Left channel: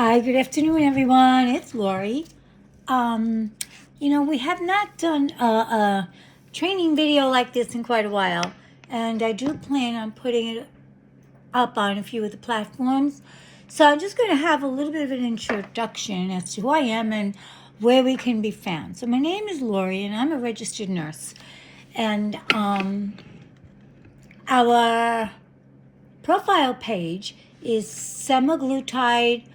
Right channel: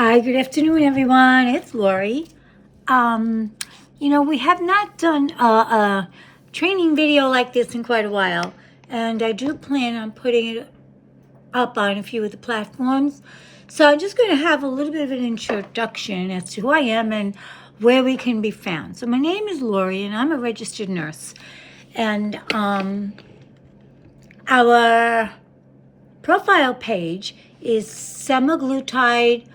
Hi, good afternoon, everyone. It's Lori. We have not done a training video like this in quite a while, and I do plan on putting it up on a few of the platforms. So I'm just going to have a little bit of an introduction as to who I am and where we can be found. So my name is Lori, and I'm a registered nurse. And our profile page is semaglutide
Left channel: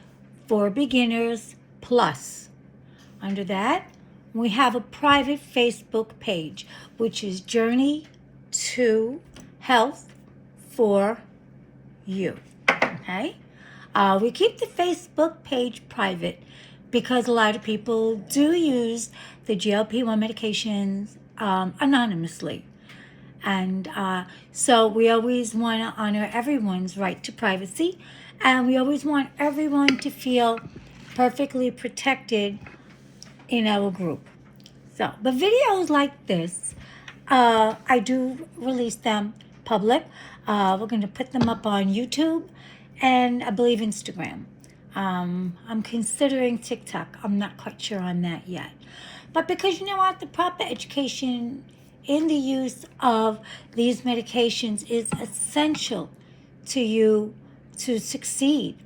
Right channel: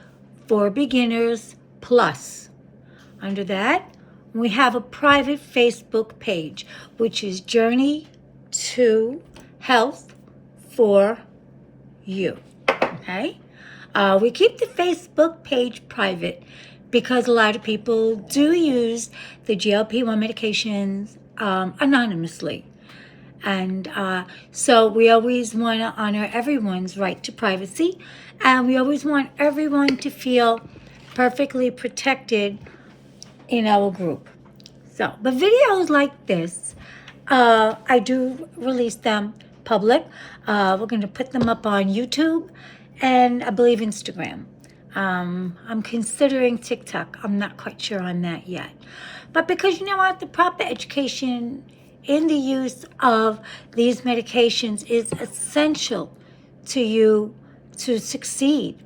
for beginners plus. Under that, we have a private Facebook page, which is Journey to Health for You. Okay? We keep the Facebook page private because a lot of people do use the GLP-1 medications anonymously. And so we always want to honor everyone's right to privacy, and we always want everyone to feel perfectly protected in our group. So the videos like this, I do release them public. We're going to put them up on YouTube and I believe Instagram. I'm considering TikTok. I'm not quite sure on that yet. But because you know what, the proper education in the use of these medications is essential to you to succeed.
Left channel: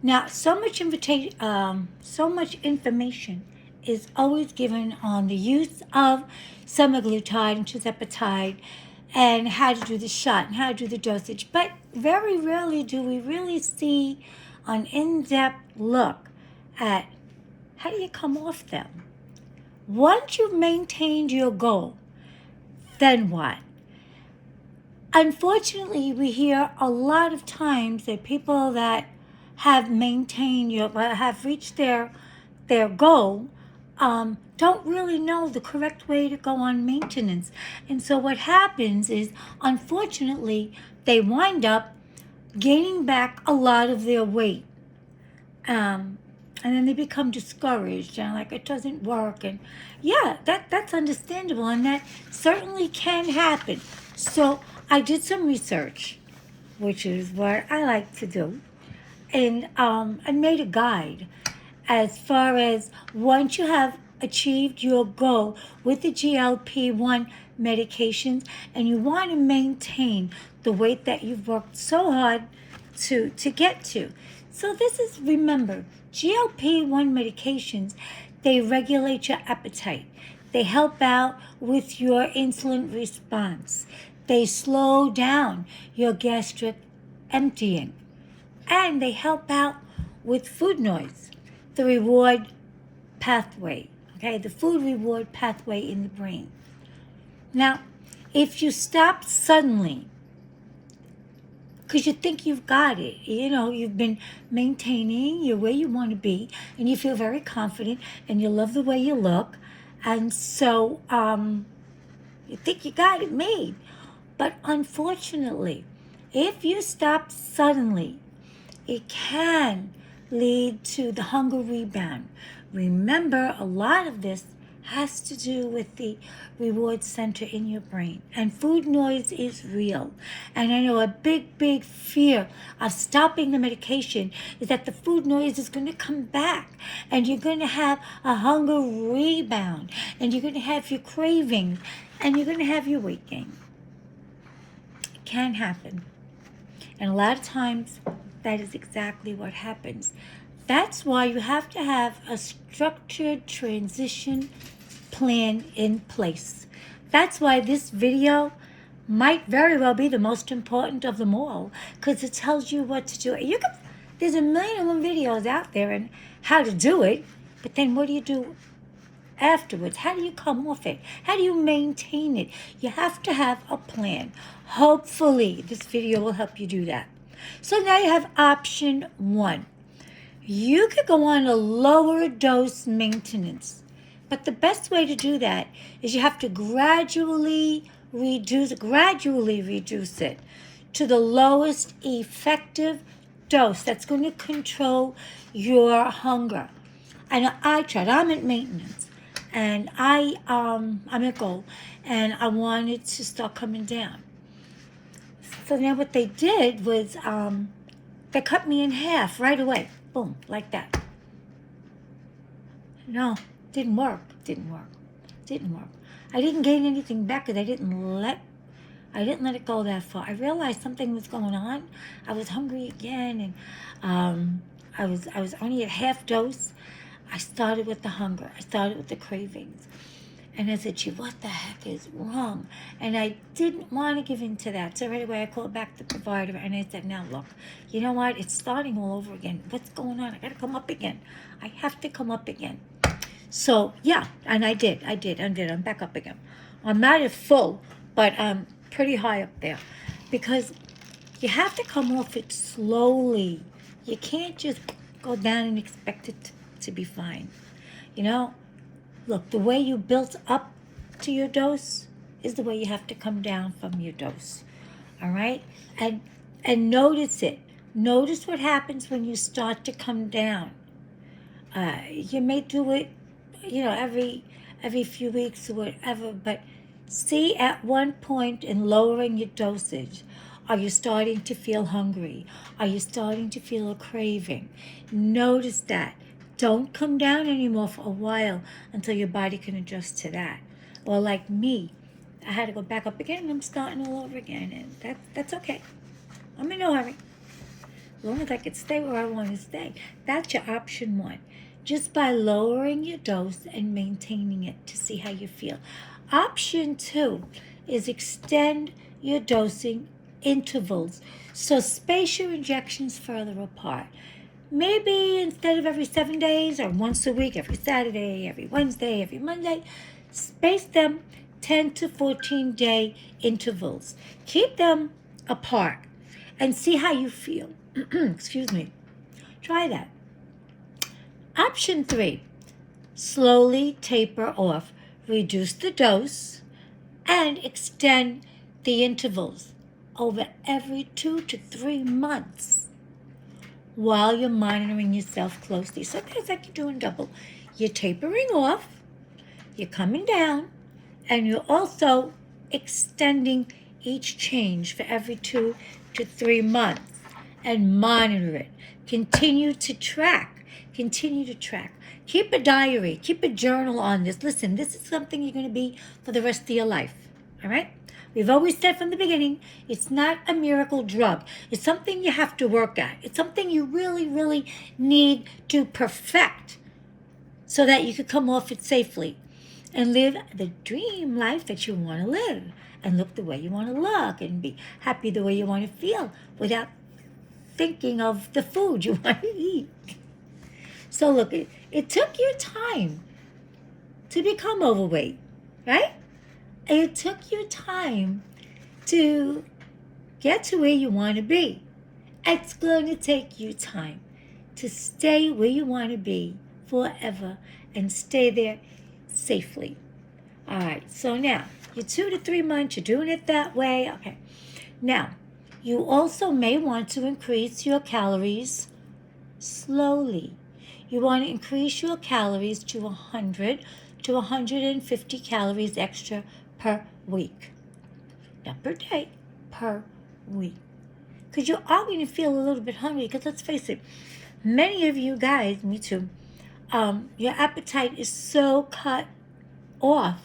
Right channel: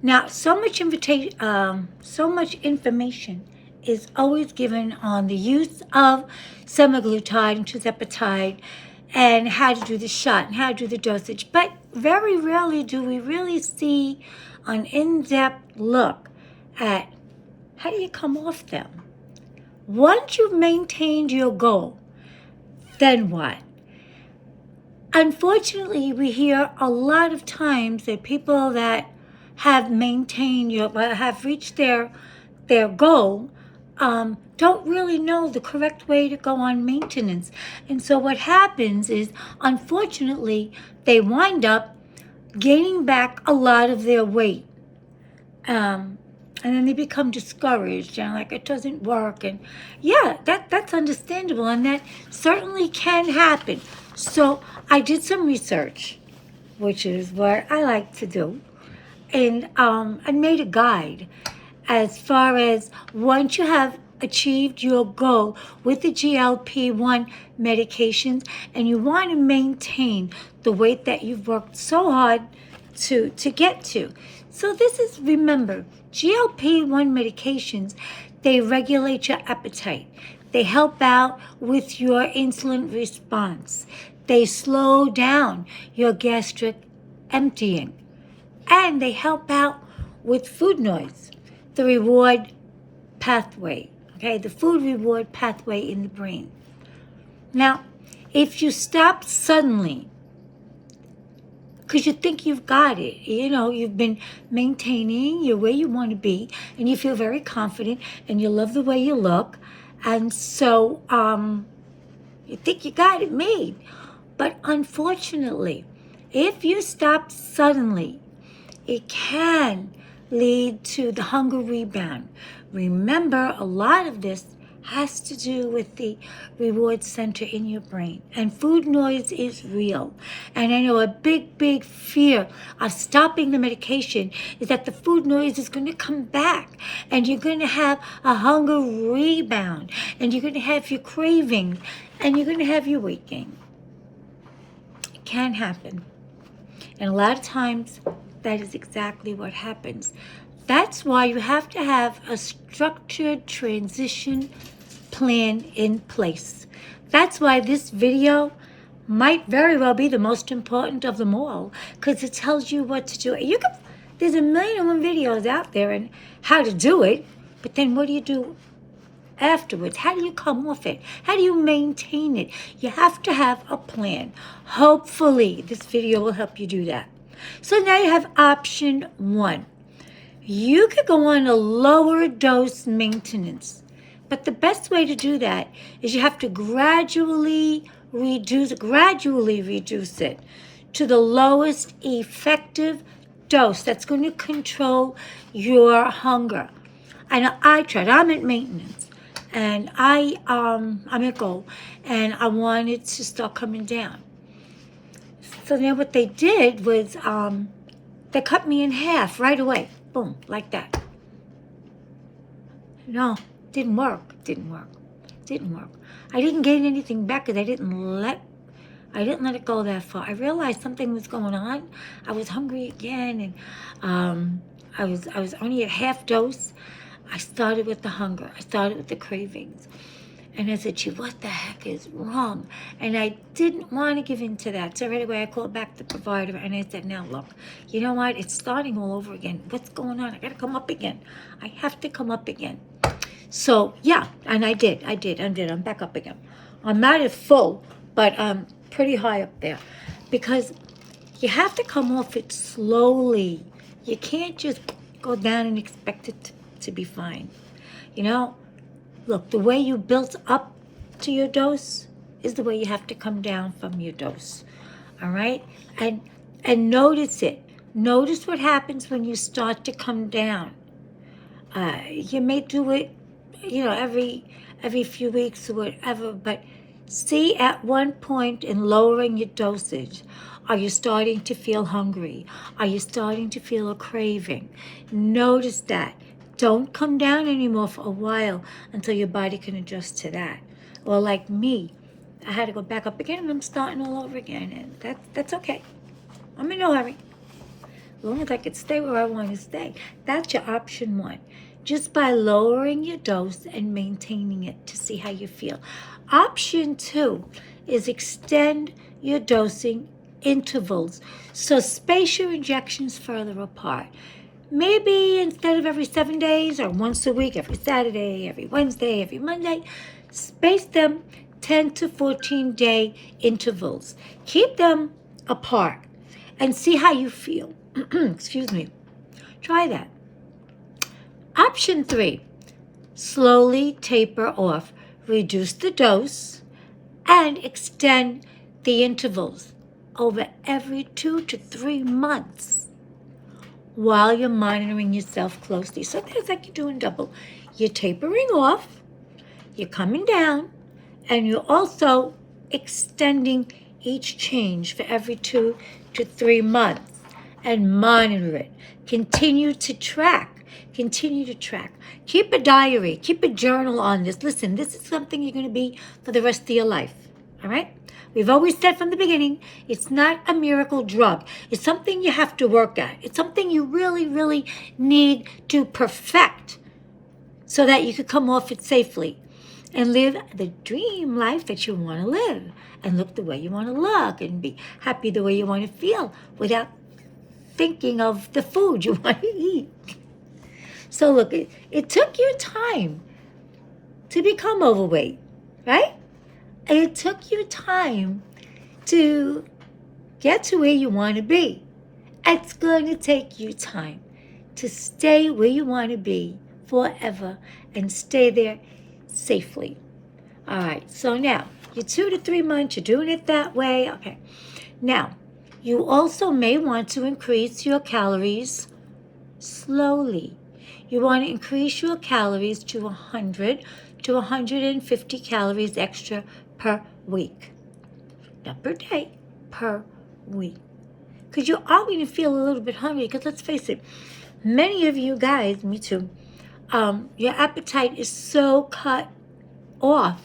Now, so much information is always given on the use of semaglutide and tirzepatide and how to do the shot and how to do the dosage. But very rarely do we really see an in-depth look at how do you come off them. Once you've maintained your goal, then what? Unfortunately, we hear a lot of times that people that have maintained have reached their goal don't really know the correct way to go on maintenance. And so what happens is, unfortunately, they wind up gaining back a lot of their weight. And then they become discouraged and like it doesn't work. And yeah, that's understandable, and that certainly can happen. So I did some research, which is what I like to do, and I made a guide as far as once you have achieved your goal with the GLP-1 medications and you want to maintain the weight that you've worked so hard to get to. So this is, remember, GLP-1 medications, they regulate your appetite. They help out with your insulin response. They slow down your gastric emptying. And they help out with food noise, the reward pathway, okay, the food reward pathway in the brain. Now, if you stop suddenly, because you think you've got it, you've been maintaining your way you want to be, and you feel very confident, and you love the way you look, and so you think you got it made. But unfortunately, if you stop suddenly, it can lead to the hunger rebound. Remember, a lot of this has to do with the reward center in your brain. And food noise is real. And I know a big fear of stopping the medication is that the food noise is going to come back. And you're going to have a hunger rebound. And you're going to have your cravings. And you're going to have your weight gain. It can happen. And a lot of times, that is exactly what happens. That's why you have to have a structured transition plan in place. That's why this video might very well be the most important of them all, because it tells you what to do. There's a million and one videos out there on how to do it, but then what do you do afterwards? How do you come off it? How do you maintain it? You have to have a plan. Hopefully, this video will help you do that. So now you have option 1. You could go on a lower dose maintenance, but the best way to do that is you have to gradually reduce it to the lowest effective dose that's going to control your hunger. And I tried. I'm at maintenance, and I'm at goal, and I wanted to start coming down. So then what they did was they cut me in half right away. Boom, like that. No, didn't work. I didn't gain anything back because I didn't let it go that far. I realized something was going on. I was hungry again, and I was only at half dose. I started with the hunger. I started with the cravings. And I said, gee, what the heck is wrong? And I didn't want to give in to that. So right away I called back the provider and I said, now look, you know what? It's starting all over again. What's going on? I got to come up again. I have to come up again. So yeah, and I did. I'm back up again. I'm not at full, but pretty high up there. Because you have to come off it slowly. You can't just go down and expect it to be fine. You know? Look, the way you built up to your dose is the way you have to come down from your dose. All right? And notice it. Notice what happens when you start to come down. You may do it, every few weeks or whatever, but see at one point in lowering your dosage, are you starting to feel hungry? Are you starting to feel a craving? Notice that. Don't come down anymore for a while until your body can adjust to that. Or like me, I had to go back up again and I'm starting all over again. And that's okay. I'm in no hurry. As long as I can stay where I want to stay. That's your option one. Just by lowering your dose and maintaining it to see how you feel. Option two is extend your dosing intervals. So space your injections further apart. Maybe instead of every 7 days or once a week, every Saturday, every Wednesday, every Monday, space them 10 to 14 day intervals. Keep them apart and see how you feel. Excuse me. Try that. Option 3, slowly taper off. Reduce the dose and extend the intervals over every 2 to 3 months. While you're monitoring yourself closely. So it's like you're doing double. You're tapering off, you're coming down, and you're also extending each change for every 2 to 3 months. And monitor it. Continue to track. Keep a diary. Keep a journal on this. Listen, this is something you're going to be for the rest of your life. All right? We've always said from the beginning, it's not a miracle drug. It's something you have to work at. It's something you really, really need to perfect so that you could come off it safely and live the dream life that you want to live and look the way you want to look and be happy the way you want to feel without thinking of the food you want to eat. So look, it took you time to become overweight, right? And it took you time to get to where you want to be. It's going to take you time to stay where you want to be forever and stay there safely. All right, so now you're 2 to 3 months, you're doing it that way. Okay, now you also may want to increase your calories slowly. You want to increase your calories to 100 to 150 calories extra per week. Not per day, per week. Because you are going to feel a little bit hungry. Because let's face it, many of you guys, me too, your appetite is so cut off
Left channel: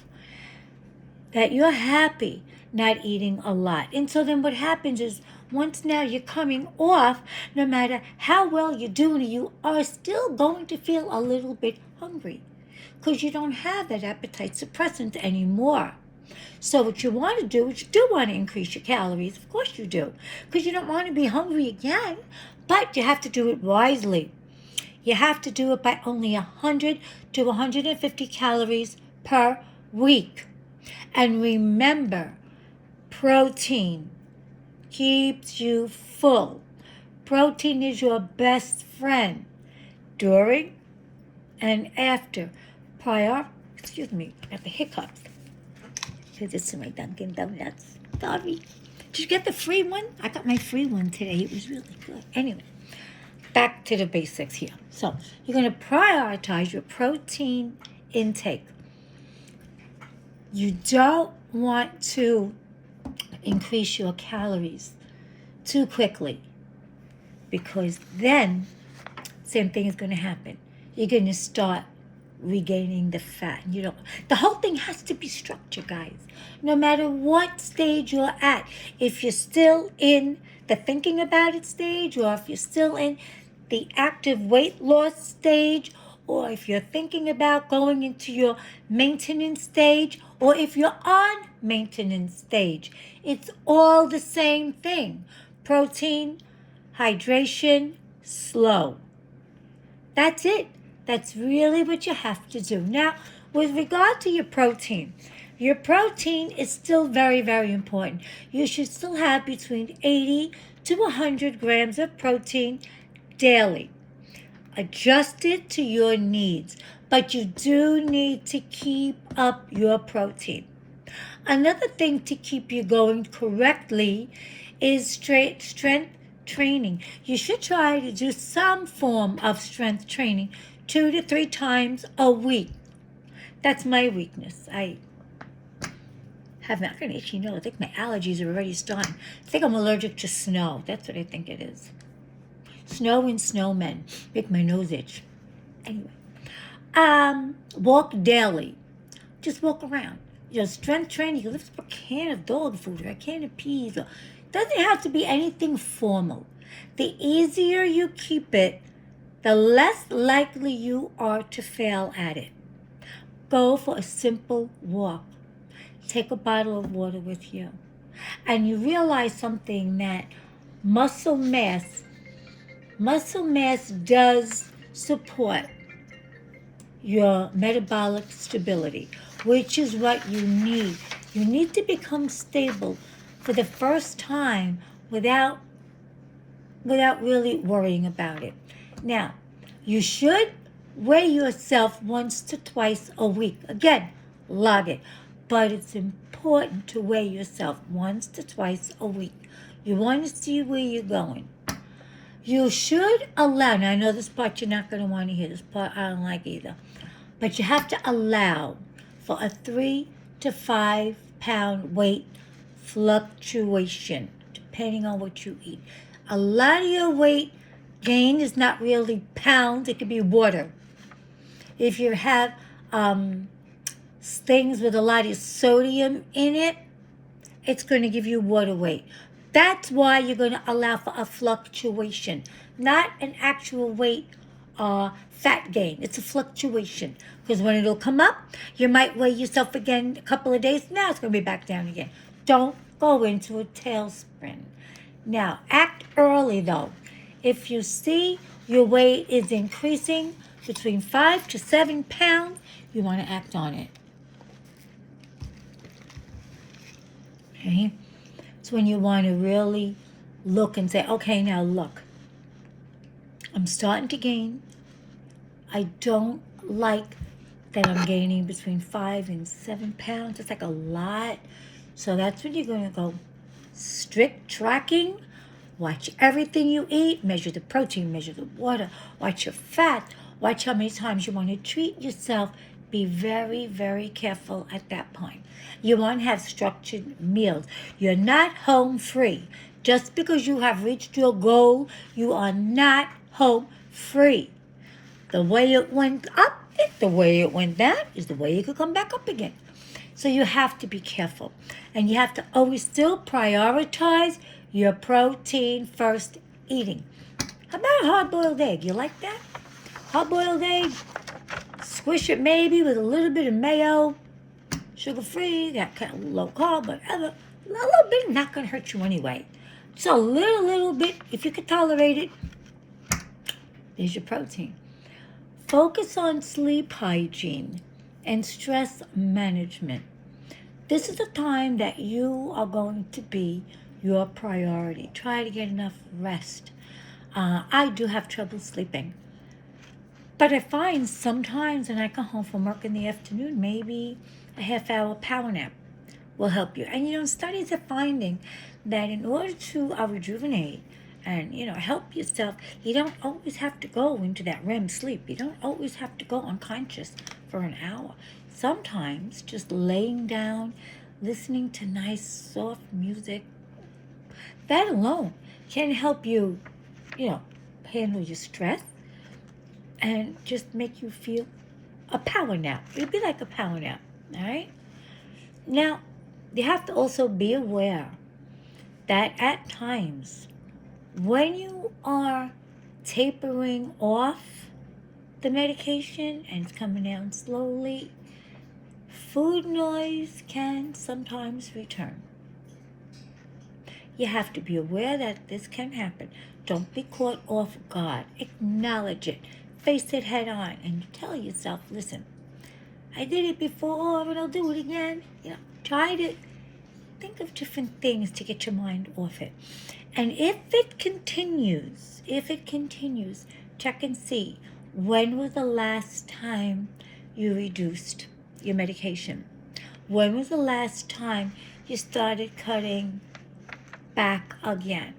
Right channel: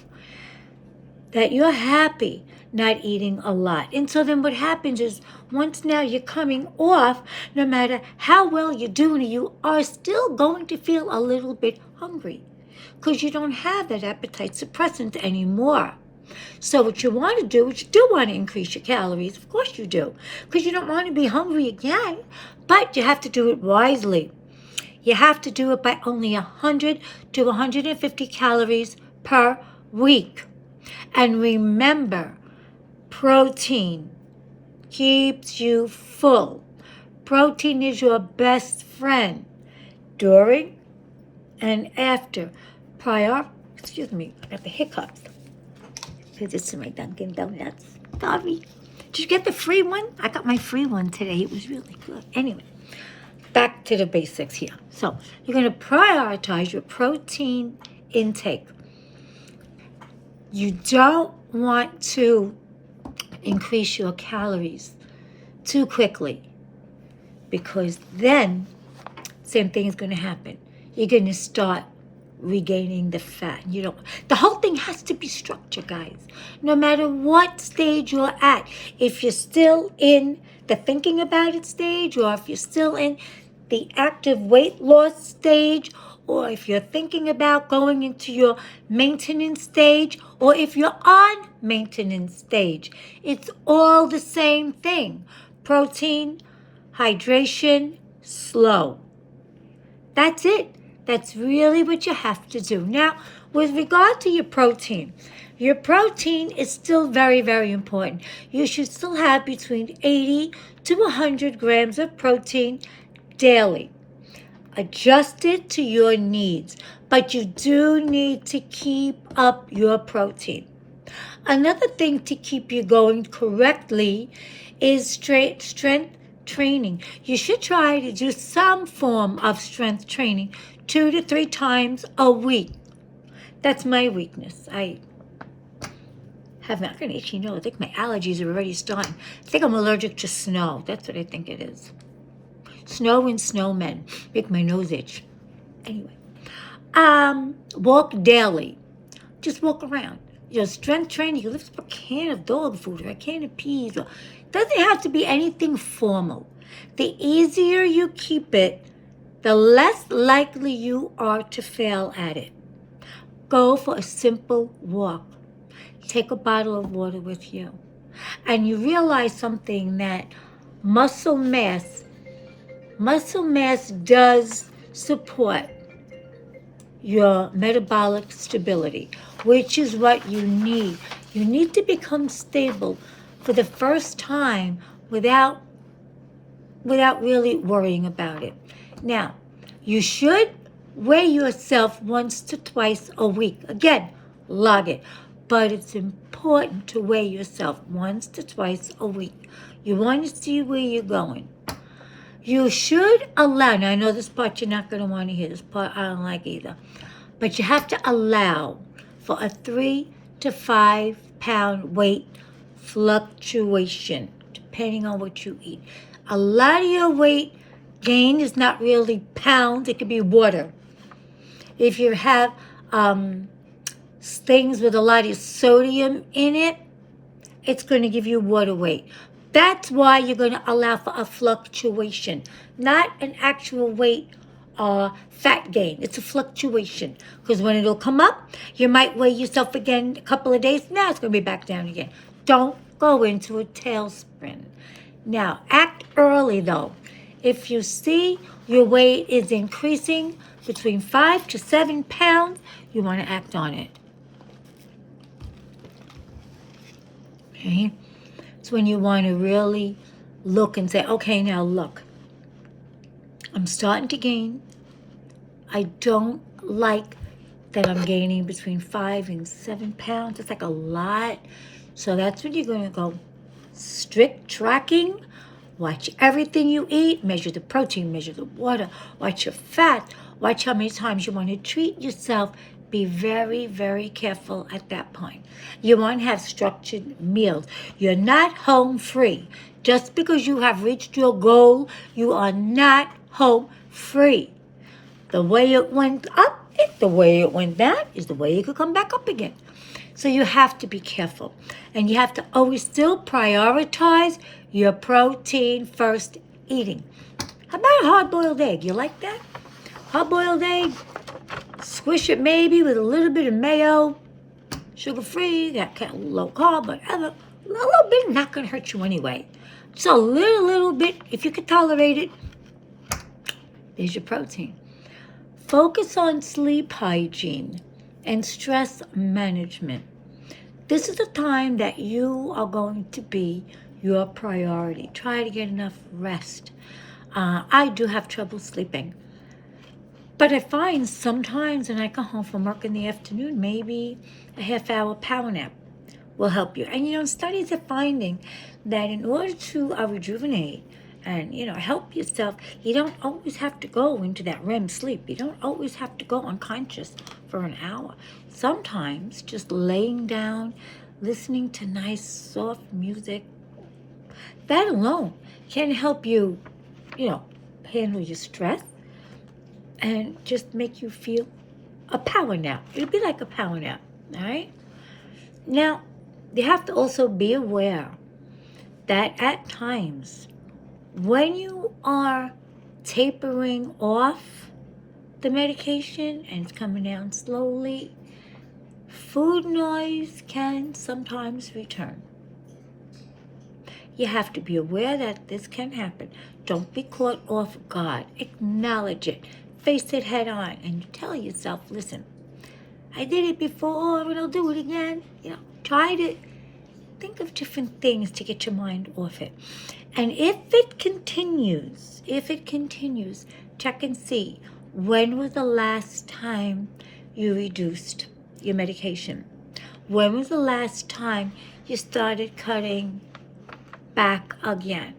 that you're happy not eating a lot. And so then what happens is once now you're coming off, no matter how well you're doing it, you are still going to feel a little bit hungry because you don't have that appetite suppressant anymore. So what you want to do is you do want to increase your calories. Of course you do, because you don't want to be hungry again, but you have to do it wisely. You have to do it by only 100 to 150 calories per week. And remember, protein keeps you full. Protein is your best friend during and after at the hiccups. Here, this is my Dunkin' Donuts. Sorry. Did you get the free one? I got my free one today. It was really good. Anyway, back to the basics here. So, you're going to prioritize your protein intake. You don't want to increase your calories too quickly because then same thing is going to happen. You're going to start regaining the fat. The whole thing has to be structured, guys. No matter what stage you're at, if you're still in the thinking about it stage, or if you're still in the active weight loss stage, or if you're thinking about going into your maintenance stage, or if you're on maintenance stage, it's all the same thing. Protein, hydration, slow. That's it. That's really what you have to do. Now, with regard to your protein is still very, very important. You should still have between 80 to 100 grams of protein daily. Adjust it to your needs, but you do need to keep up your protein. Another thing to keep you going correctly is strength training. You should try to do some form of strength training 2 to 3 times a week. That's my weakness. I have not an itchy nose. I think my allergies are already starting. I think I'm allergic to snow. That's what I think it is. Snow and snowmen make my nose itch. Anyway, walk daily. Just walk around. Strength training. You lift up a can of dog food or a can of peas. It doesn't have to be anything formal. The easier you keep it, the less likely you are to fail at it. Go for a simple walk. Take a bottle of water with you. And you realize something, that muscle mass does support your metabolic stability, which is what you need. You need to become stable for the first time without really worrying about it. Now, you should weigh yourself once to twice a week. Again, log it. But it's important to weigh yourself once to twice a week. You want to see where you're going. You should allow, now I know this part you're not going to want to hear, this part I don't like either, but you have to allow for a 3 to 5 pound weight fluctuation, depending on what you eat. A lot of your weight gain is not really pounds, it could be water. If you have things with a lot of sodium in it, it's going to give you water weight. That's why you're going to allow for a fluctuation, not an actual weight fat gain. It's a fluctuation, because when it'll come up, you might weigh yourself again a couple of days. Now it's going to be back down again. Don't go into a tailspin. Now, act early, though. If you see your weight is increasing between 5 to 7 pounds, you want to act on it. Okay? It's when you want to really look and say, okay, now look, I'm starting to gain. I don't like that I'm gaining between 5 and 7 pounds. It's like a lot. So that's when you're going to go strict tracking. Watch everything you eat. Measure the protein, measure the water, watch your fat, watch how many times you want to treat yourself. Be very, very careful at that point. You want to have structured meals. You're not home free. Just because you have reached your goal, you are not home free. The way it went up, the way it went down, is the way it could come back up again. So you have to be careful. And you have to always still prioritize your protein first eating. How about a hard-boiled egg? You like that? Hard-boiled egg? Squish it maybe with a little bit of mayo, sugar-free, got kind of low carb, but a little bit not going to hurt you anyway. Just a little bit, if you can tolerate it, there's your protein. Focus on sleep hygiene and stress management. This is the time that you are going to be your priority. Try to get enough rest. I do have trouble sleeping. But I find sometimes when I come home from work in the afternoon, maybe a half-hour power nap will help you. And, studies are finding that in order to rejuvenate and, help yourself, you don't always have to go into that REM sleep. You don't always have to go unconscious for an hour. Sometimes just laying down, listening to nice, soft music, that alone can help you, handle your stress and just make you feel a power nap. It'd be like a power nap, all right? Now, you have to also be aware that at times, when you are tapering off the medication and it's coming down slowly, food noise can sometimes return. You have to be aware that this can happen. Don't be caught off guard. Acknowledge it. Face it head on and tell yourself, listen, I did it before and I'll do it again. Try to think of different things to get your mind off it. And if it continues, check and see, when was the last time you reduced your medication? When was the last time you started cutting back again?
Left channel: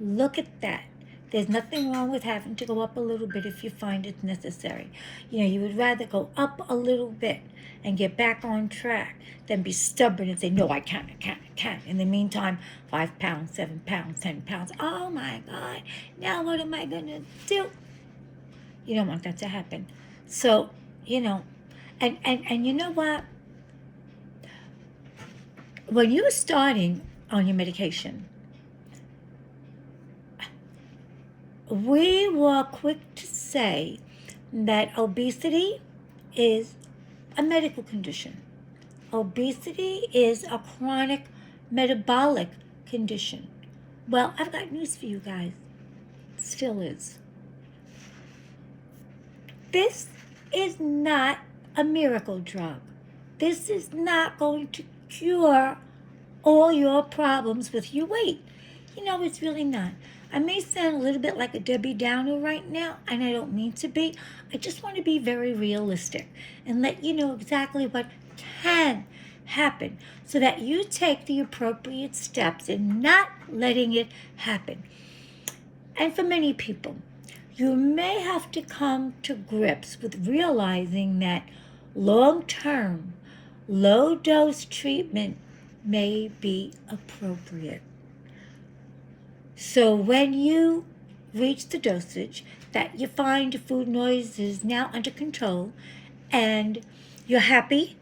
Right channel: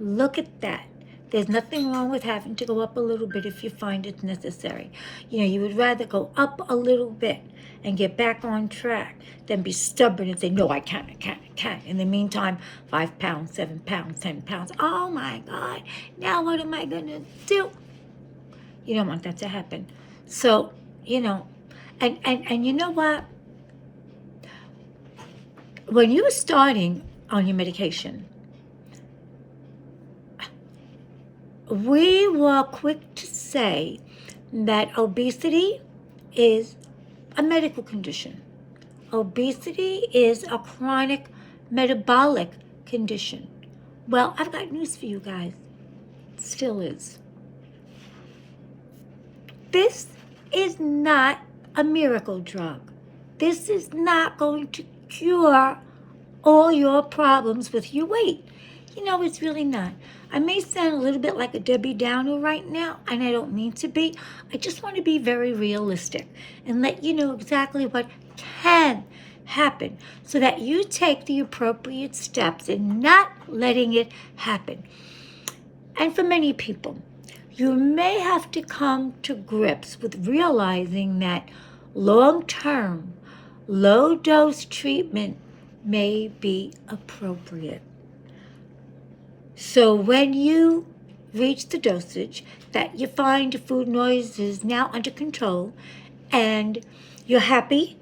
Look at that. There's nothing wrong with having to go up a little bit if you find it's necessary. You would rather go up a little bit and get back on track than be stubborn and say, no, I can't. In the meantime, 5 pounds, 7 pounds, 10 pounds. Oh my God, now what am I gonna do? You don't want that to happen. So, and you know what? When you're starting on your medication, we were quick to say that obesity is a medical condition. Obesity is a chronic metabolic condition. Well, I've got news for you guys. It still is. This is not a miracle drug. This is not going to cure all your problems with your weight. It's really not. I may sound a little bit like a Debbie Downer right now, and I don't mean to be. I just want to be very realistic and let you know exactly what can happen so that you take the appropriate steps in not letting it happen. And for many people, you may have to come to grips with realizing that long-term, low-dose treatment may be appropriate. So when you reach the dosage that you find your food noise is now under control and you're happy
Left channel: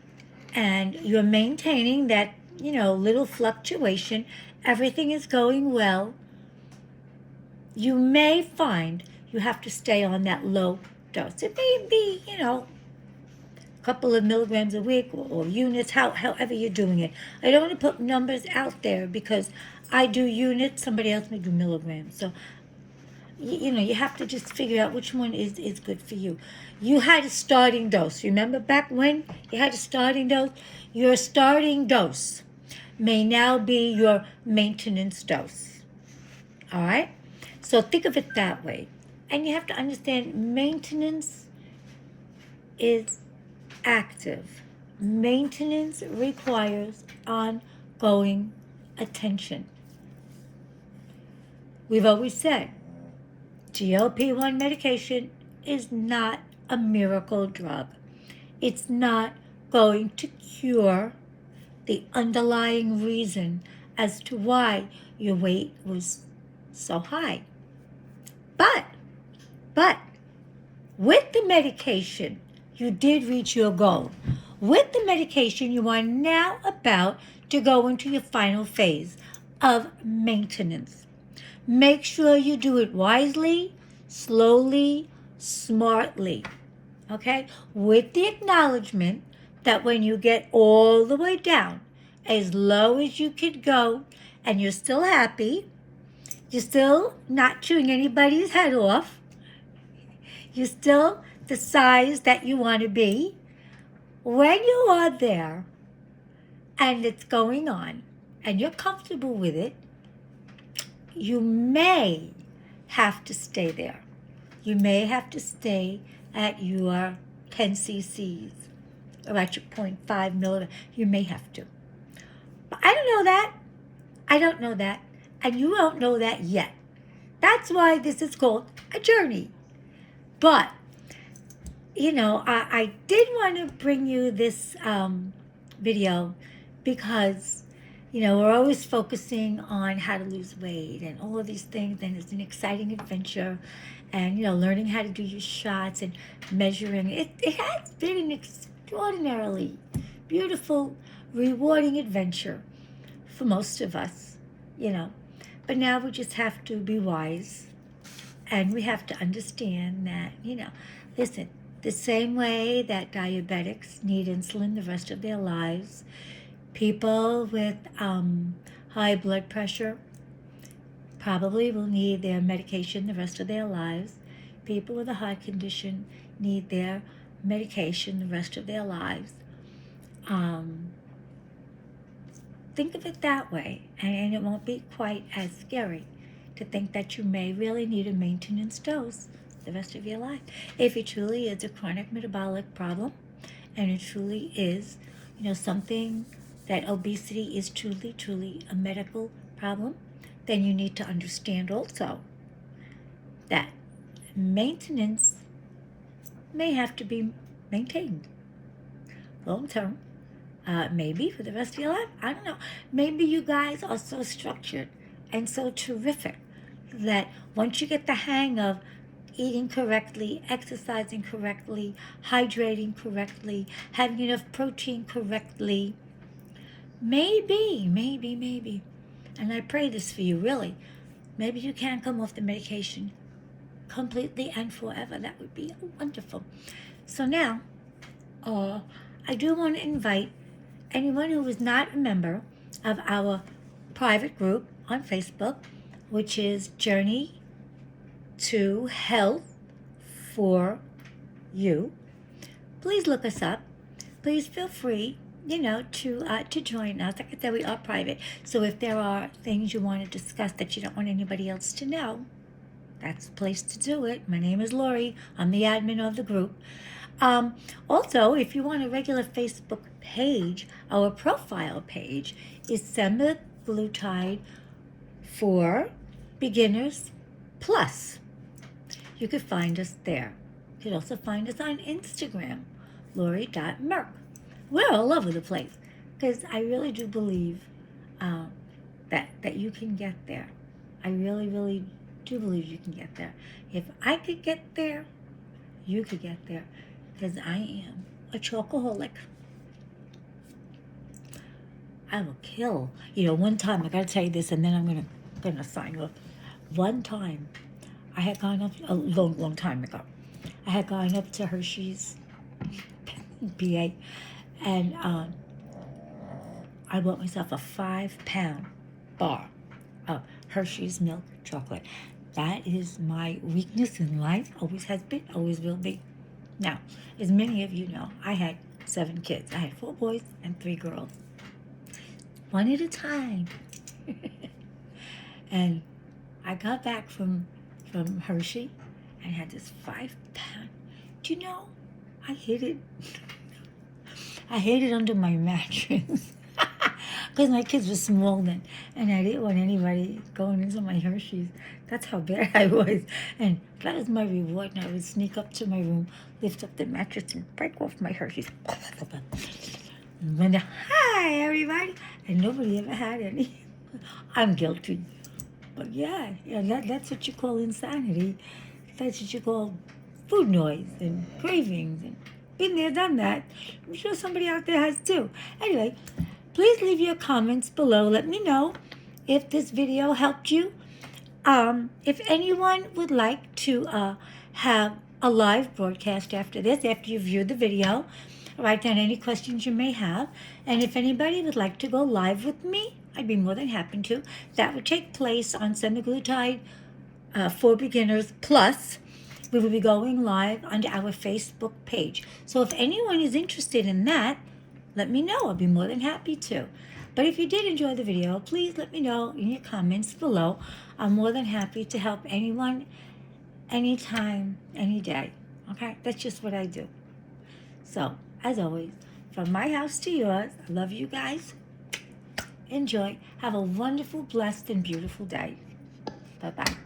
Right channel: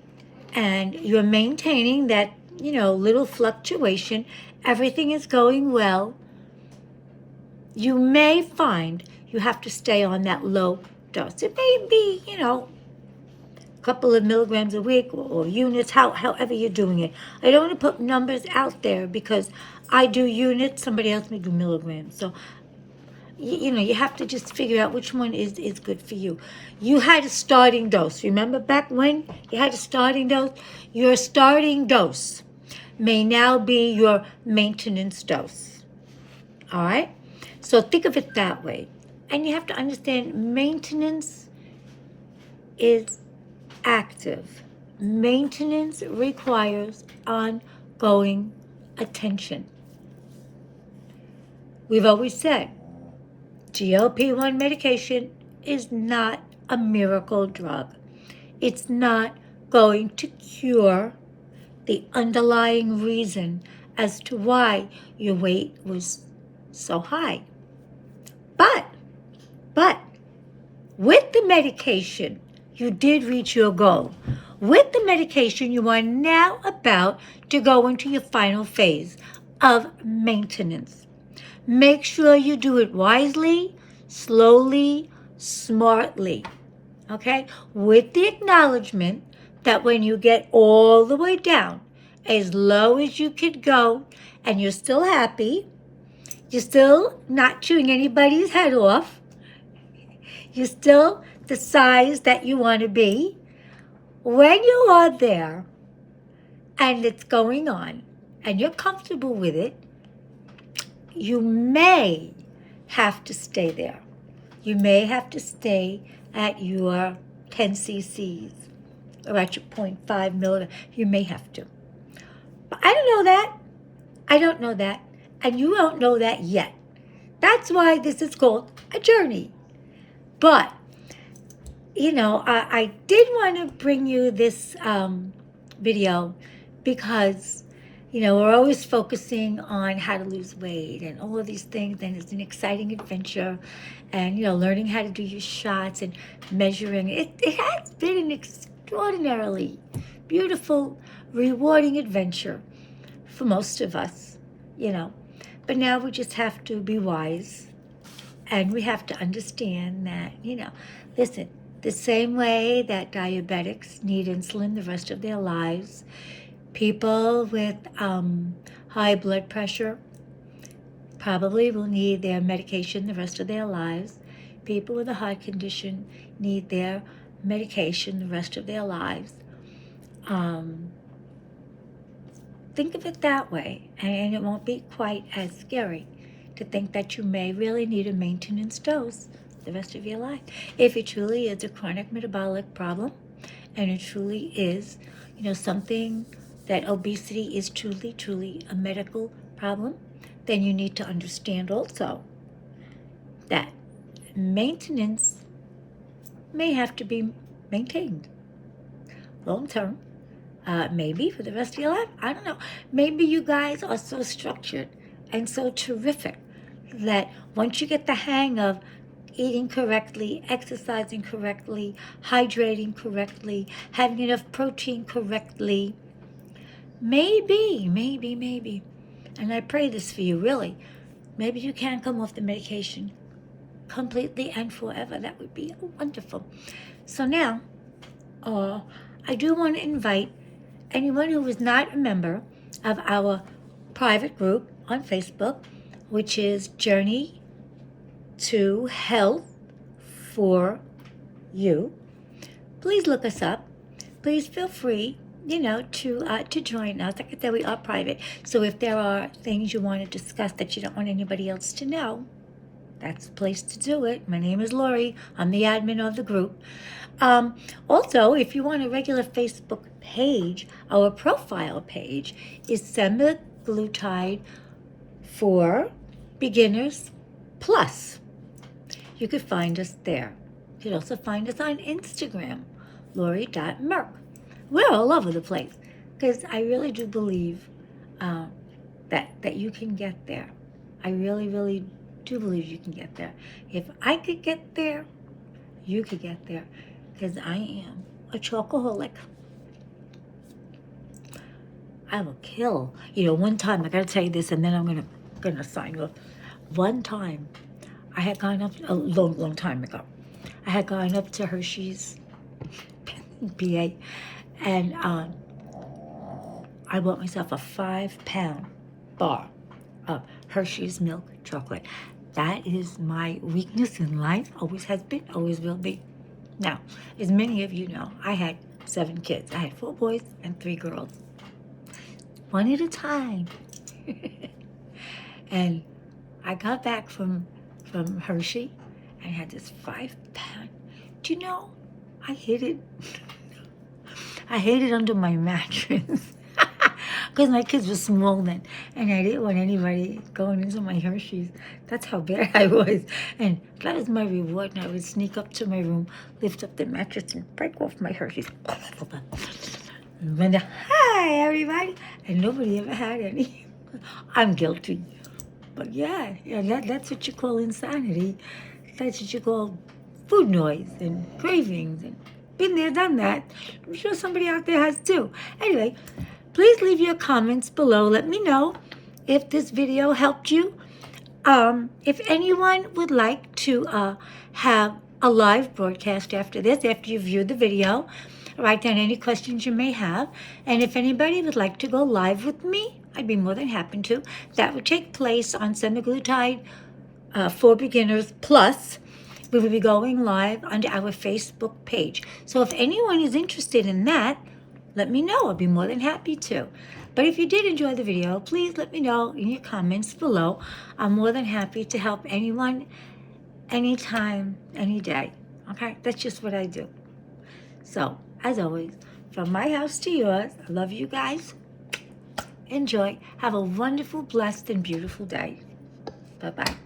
and you're maintaining that, little fluctuation, everything is going well, you may find you have to stay on that low dose. It may be, a couple of milligrams a week or units, however you're doing it. I don't want to put numbers out there because I do units, somebody else may do milligrams. So, you have to just figure out which one is good for you. You had a starting dose. Remember back when you had a starting dose? Your starting dose may now be your maintenance dose. All right? So think of it that way. And you have to understand maintenance is active. Maintenance requires ongoing attention. We've always said GLP-1 medication is not a miracle drug. It's not going to cure the underlying reason as to why your weight was so high. But with the medication, you did reach your goal. With the medication, you are now about to go into your final phase of maintenance. Make sure you do it wisely, slowly, smartly, okay? With the acknowledgement that when you get all the way down, as low as you could go, and you're still happy, you're still not chewing anybody's head off, you're still the size that you want to be, when you are there and it's going on and you're comfortable with it, you may have to stay there. You may have to stay at your 10 cc's or at your 0.5 milligram. You may have to. But I don't know that. I don't know that. And you don't know that yet. That's why this is called a journey. But, I did want to bring you this video because, we're always focusing on how to lose weight and all of these things, and it's an exciting adventure. and learning how to do your shots and measuring. It has been an extraordinarily beautiful, rewarding adventure for most of us, But now we just have to be wise, and we have to understand that, listen, the same way that diabetics need insulin the rest of their lives, people with high blood pressure probably will need their medication the rest of their lives. People with a heart condition need their medication the rest of their lives. Think of it that way, and it won't be quite as scary to think that you may really need a maintenance dose the rest of your life. If it truly is a chronic metabolic problem, and it truly is, something that obesity is truly a medical problem, then you need to understand also that maintenance may have to be maintained long term. Maybe for the rest of your life. I don't know. Maybe you guys are so structured and so terrific that once you get the hang of eating correctly, exercising correctly, hydrating correctly, having enough protein correctly, maybe, and I pray this for you, really, maybe you can come off the medication completely and forever. That would be wonderful. So now, I do want to invite anyone who is not a member of our private group on Facebook, which is Journey to Health for You. Please look us up. Please feel free, to join us. Like I said, we are private. So if there are things you want to discuss that you don't want anybody else to know, that's the place to do it. My name is Lori. I'm the admin of the group. Also, if you want a regular Facebook page, our profile page is Semaglutide for Beginners Plus. You could find us there. You could also find us on Instagram, Lori.Merck. We're all over the place because I really do believe that you can get there. I really do believe you can get there. If I could get there, you could get there, because I am a chocoholic. I will kill. One time, I gotta tell you this, and then I'm gonna sign you off. One time, I had gone up, a long time ago, I had gone up to Hershey's, PA, and I bought myself a 5-pound bar of Hershey's milk chocolate. That is my weakness in life, always has been, always will be. Now, as many of you know, I had 7 kids. I had 4 boys and 3 girls. One at a time. And I got back from Hershey and had this 5-pound. Do you know, I hid it. I hid it under my mattress. Because my kids were small then. And I didn't want anybody going into my Hershey's. That's how bad I was. And that was my reward. And I would sneak up to my room, lift up the mattress, and break off my Hershey's. And then, hi, everybody. And nobody ever had any. I'm guilty. But yeah, that's what you call insanity. That's what you call food noise and cravings. And been there, done that. I'm sure somebody out there has too. Anyway, please leave your comments below. Let me know if this video helped you. If anyone would like to have a live broadcast after this, after you view the video, write down any questions you may have. And if anybody would like to go live with me, I'd be more than happy to. That would take place on Semaglutide for Beginners Plus. We will be going live on our Facebook page. So if anyone is interested in that, let me know. I'll be more than happy to. But if you did enjoy the video, please let me know in your comments below. I'm more than happy to help anyone, anytime, any day. Okay? That's just what I do. So, as always, from my house to yours, I love you guys. Enjoy. Have a wonderful, blessed, and beautiful day. Bye-bye.